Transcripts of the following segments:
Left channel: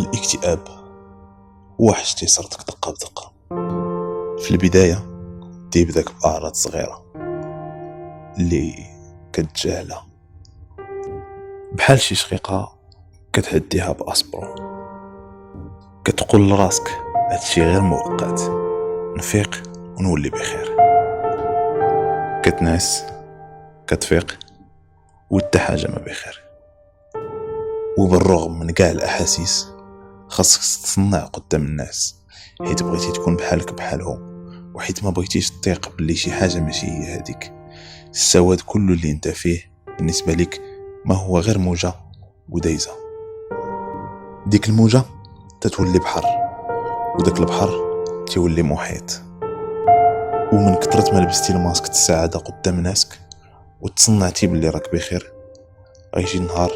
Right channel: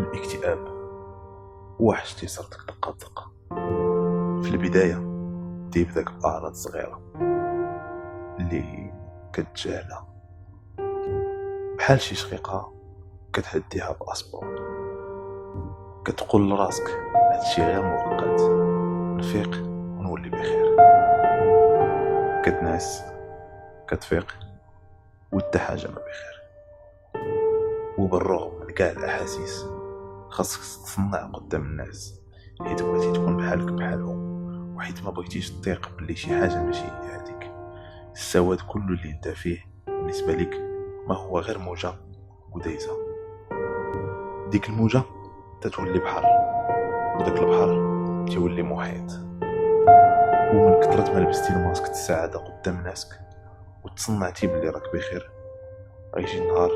الاكتئاب هو حاجة صارتك دقة بدقة. في البداية تيبداك بأعراض صغيرة اللي كتجاهلها، بحال شي شقيقة كتهديها بأسبرون، كتقول لراسك هادشي غير مؤقت، نفيق ونولي بخير. كتنعس، كتفيق وحتى حاجة ما بخير. وبالرغم من كاع الأحاسيس خاصك تصنع قدام الناس، حيت بغيتي تكون بحالك بحالهم، وحيت ما بغيتيش تثيق بلي شي حاجة ماشي هي هذيك. السواد كله اللي انت فيه بالنسبة لك ما هو غير موجة ودايزة. ديك الموجة تتولي بحر، وداك البحر تولي محيط. ومن كثرة ما لبستي الماسك السعادة قدام ناسك وتصنعتي بلي راك بخير، غيجي النهار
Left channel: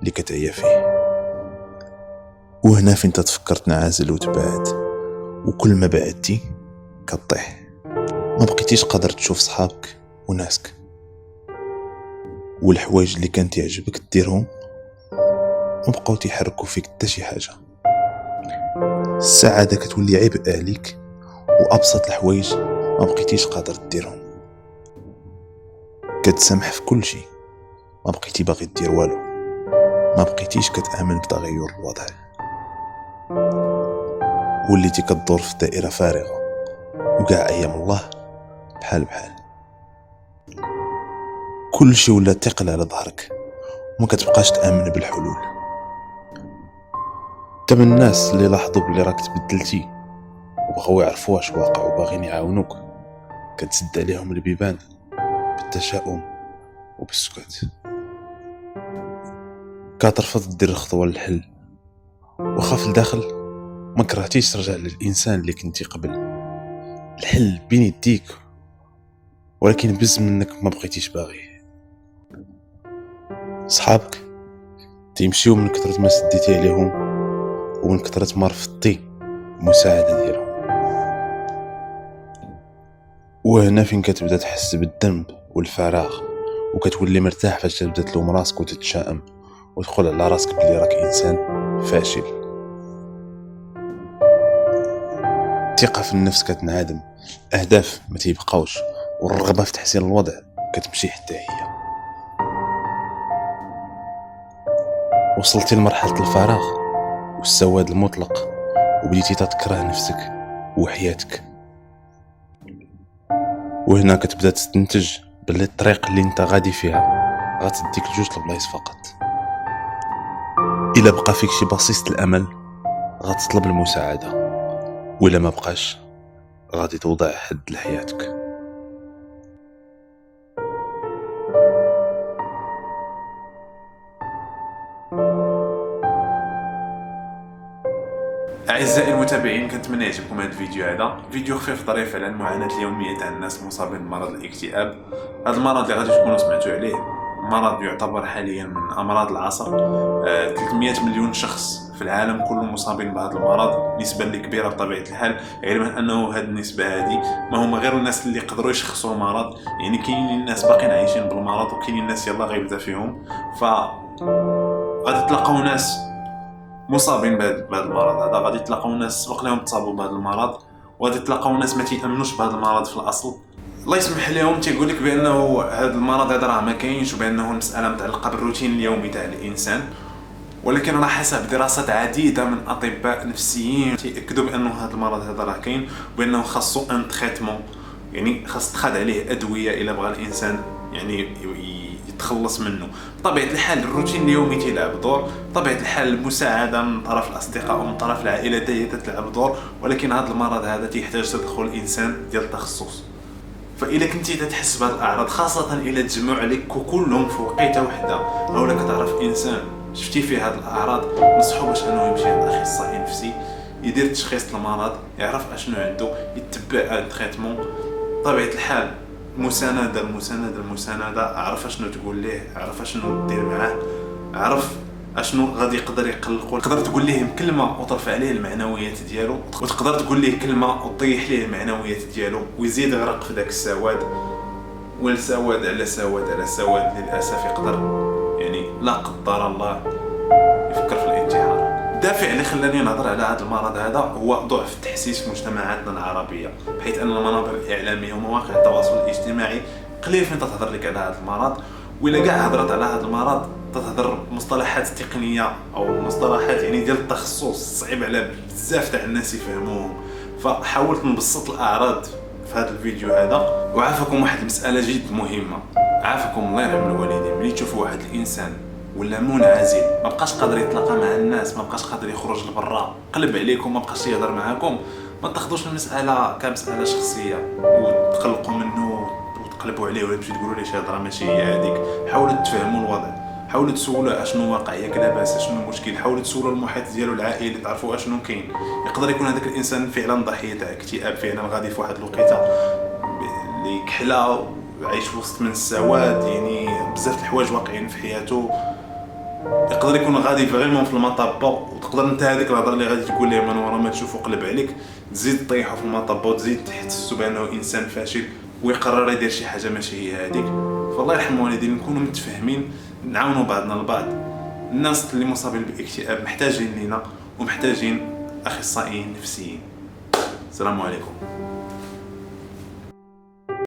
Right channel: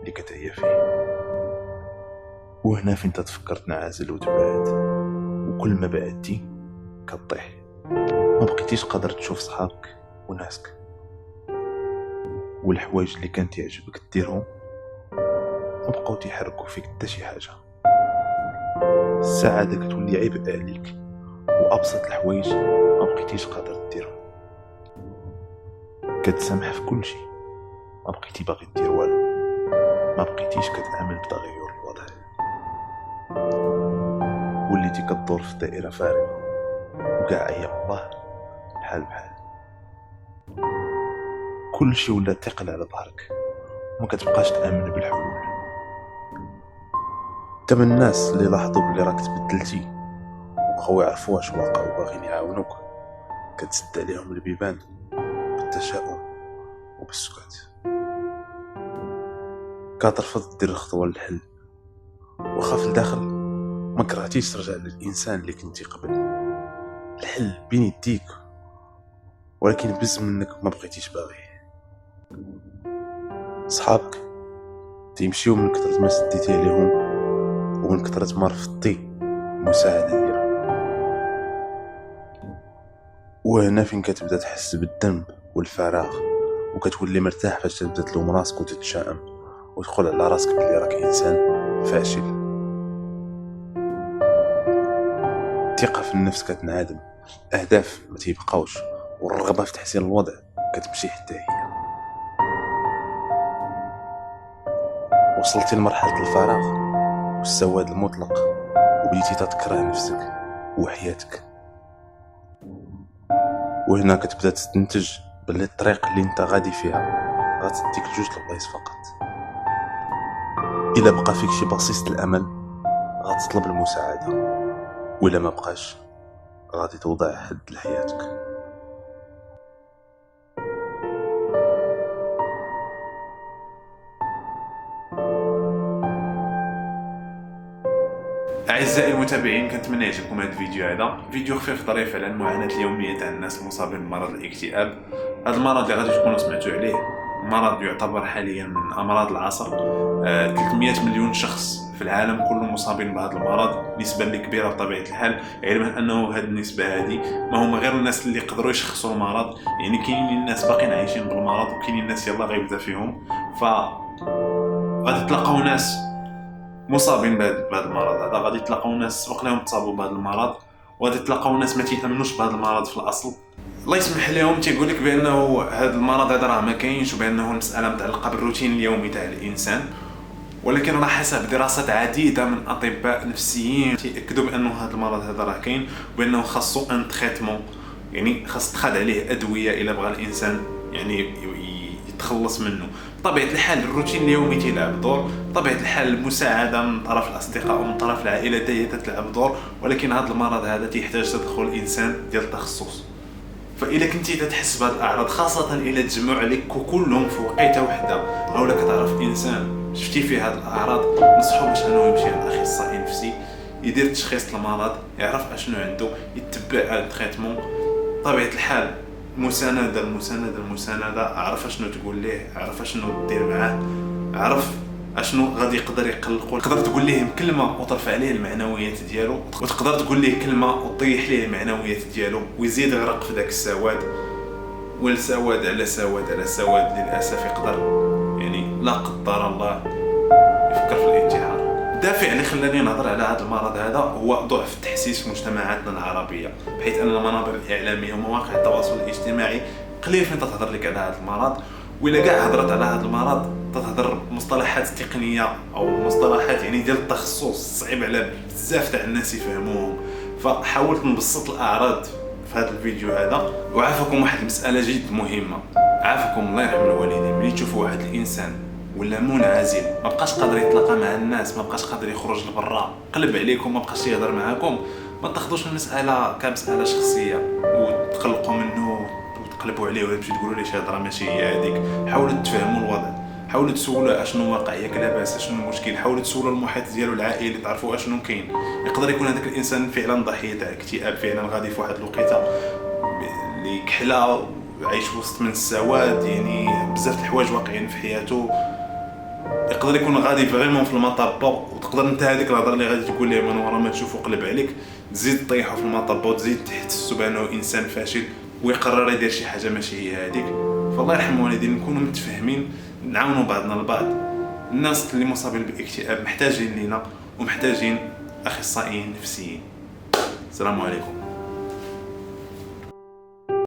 اللي كتعيا فيه. وهنا فين تتفكر تنعزل وتبعد، وكل ما بعدتي كطيح. ما بقيتيش قادر تشوف صحابك وناسك، والحوايج اللي كانت يعجبك ديرهم ما بقاو تيحركوا فيك حتى شي حاجه. السعاده كتولي عبء عليك، وابسط الحوايج ما بقيتيش قادر ديرهم. كتسامح في كل شيء، ما بقيتي باغي دير والو، ما بقيتيش كتامن بتغير الوضع. وليتي كتدور في دائره فارغه، وكاع ايام الله بحال كل شيء ولا ثقل على ظهرك، وما كتبقاش تامن بالحلول. تم الناس اللي لاحظوا بلي راك تبدلتي وبغاو يعرفوا واش واقع وباغيين يعاونوك، كتسد عليهم البيبان بالتشاؤم وبالسكوت. كترفض دير الخطوه للحل، وخاف الداخل ما كرهتيش ترجع للانسان اللي كنتي قبل. الحل بين يديك، ولكن بز منك ما بقيتيش باغي. صحابك تيمشيو من كثرة ما سديتي عليهم، ومن كثرة ما رفضتي المساعدة ديالهم. وهنا فين كتبدا تحس بالذنب والفراغ، وكتولي مرتاح فاش تبدا تلوم راسك وتتشائم وتقول على راسك بلي راك انسان فاشل. الثقة في النفس كتنعدم، الاهداف ما تيبقاوش، والرغبة في تحسين الوضع كتمشي حتى هي. وصلتي لمرحلة الفراغ والسواد المطلق، وبديتي تكره نفسك وحياتك. وهنا كتبدا تستنتج باللي الطريق اللي انت غادي فيها غتديك لجوج البلايص فقط. الا بقى فيك شي بسيط الامل غتطلب المساعده، ولا ما بقاش غادي توضع حد لحياتك. أعزائي المتابعين، كنتمنى يعجبكم هذا الفيديو. هذا فيديو خفيف ظريف على المعاناة اليومية تاع الناس المصابين بمرض الاكتئاب. هذا المرض اللي غادي تكونوا سمعتوا عليه مرض يعتبر حاليا من أمراض العصر. 300 مليون شخص في العالم كله مصابين بهذا المرض، نسبة اللي كبيرة بطبيعة الحال، علما أنه هذه النسبة هذه ما هم غير الناس اللي يقدروا يشخصوا المرض. يعني كاينين الناس باقين عايشين بالمرض، وكاينين الناس يلا غيبدا فيهم. غادي تلقاو ناس مصابين بهذا المرض هذا، غادي تلقاو ناس سبق لهم تصابوا بهذا المرض، وغادي تلقاو ناس ما تيامنوش بهذا المرض في الاصل. الله يسمح لهم تيقول لك بانه هذا المرض هذا راه ما كاينش، وبانه المساله متعلقه بالروتين اليومي تاع الانسان. ولكن راه حسب دراسات عديده من اطباء نفسيين تياكدوا بانه هذا المرض هذا راه كاين، وبانه خاصو ان تريتمون، يعني خاص تخاد عليه ادويه الا بغى الانسان يعني يتخلص منه. بطبيعة الحال الروتين اليومي تلعب دور، بطبيعة الحال المساعدة من طرف الأصدقاء ومن طرف العائلة هي تلعب دور، ولكن هذا المرض هذا تيحتاج تدخل الإنسان ديال التخصص. فإلا كنتي تحس بهذه الأعراض، خاصة إلا تجمعوا عليك كلهم في وقيته وحدة، أو لا كتعرف إنسان شفتي فيه هذه الأعراض، نصحوا باش أنه يمشي عند أخصائي نفسي يدير تشخيص المرض، يعرف أشنو عنده، يتبع التريتمون. بطبيعة الحال المساندة، عرف اشنو تقول ليه، عرف اشنو دير معاه، عرف اشنو غادي يقدر يقلقو. تقدر تقول ليه كلمه وترفع عليه المعنويات ديالو، وتقدر تقول ليه كلمه وتطيح ليه المعنويات ديالو، ويزيد يغرق في داك السواد. والسواد على سواد على سواد للاسف يقدر يعني لا قدر الله يفكر في الانتحار. الدافع اللي خلاني نهضر على هذا المرض هذا هو ضعف التحسيس في مجتمعاتنا العربيه، بحيث ان المنابر الاعلاميه ومواقع التواصل الاجتماعي قليل فين تهضر لك على هذا المرض، وإلا كاع هضرت على هذا المرض تهضر مصطلحات تقنيه او مصطلحات يعني ديال التخصص صعيب على بزاف تاع الناس يفهموهم. فحاولت نبسط الاعراض في هذا الفيديو هذا، وعافاكم واحد المساله جد مهمه. عافاكم الله يرحم الوالدين، ملي تشوفوا واحد الانسان ولا منعزل ما بقاش قادر يتلاقى مع الناس، ما بقاش قادر يخرج لبرا، قلب عليكم، ما بقاش يهضر معاكم، ما تاخذوش المساله كمساله شخصيه وتقلقوا منه وتقلبوا عليه ولا تمشي تقولوا ليه شي هضره ماشي هي هذيك. حاولوا تفهموا الوضع، حاولوا تسولوا اشنو واقع، ياك لاباس، اشنو المشكل، حاولوا تسولوا المحيط ديالو العائلي تعرفوا اشنو كاين. يقدر يكون هذاك الانسان فعلا ضحيه تاع اكتئاب، فعلا غادي في واحد الوقيته اللي كحله عايش وسط من السواد، يعني بزاف الحوايج واقعين في حياته. يقدر يكون غادي فريمون في المطبه، وتقدر انت هذيك الهضره اللي غادي تقول ليه من ورا ما تشوفو قلب عليك تزيد طيحو في المطبه وتزيد تحسسو بانه انسان فاشل ويقرر يدير شي حاجه ماشي هي هذيك. فالله يرحم الوالدين، نكونوا متفاهمين، نعاونوا بعضنا البعض. الناس اللي مصابين بالاكتئاب محتاجين لينا ومحتاجين اخصائيين نفسيين. السلام عليكم.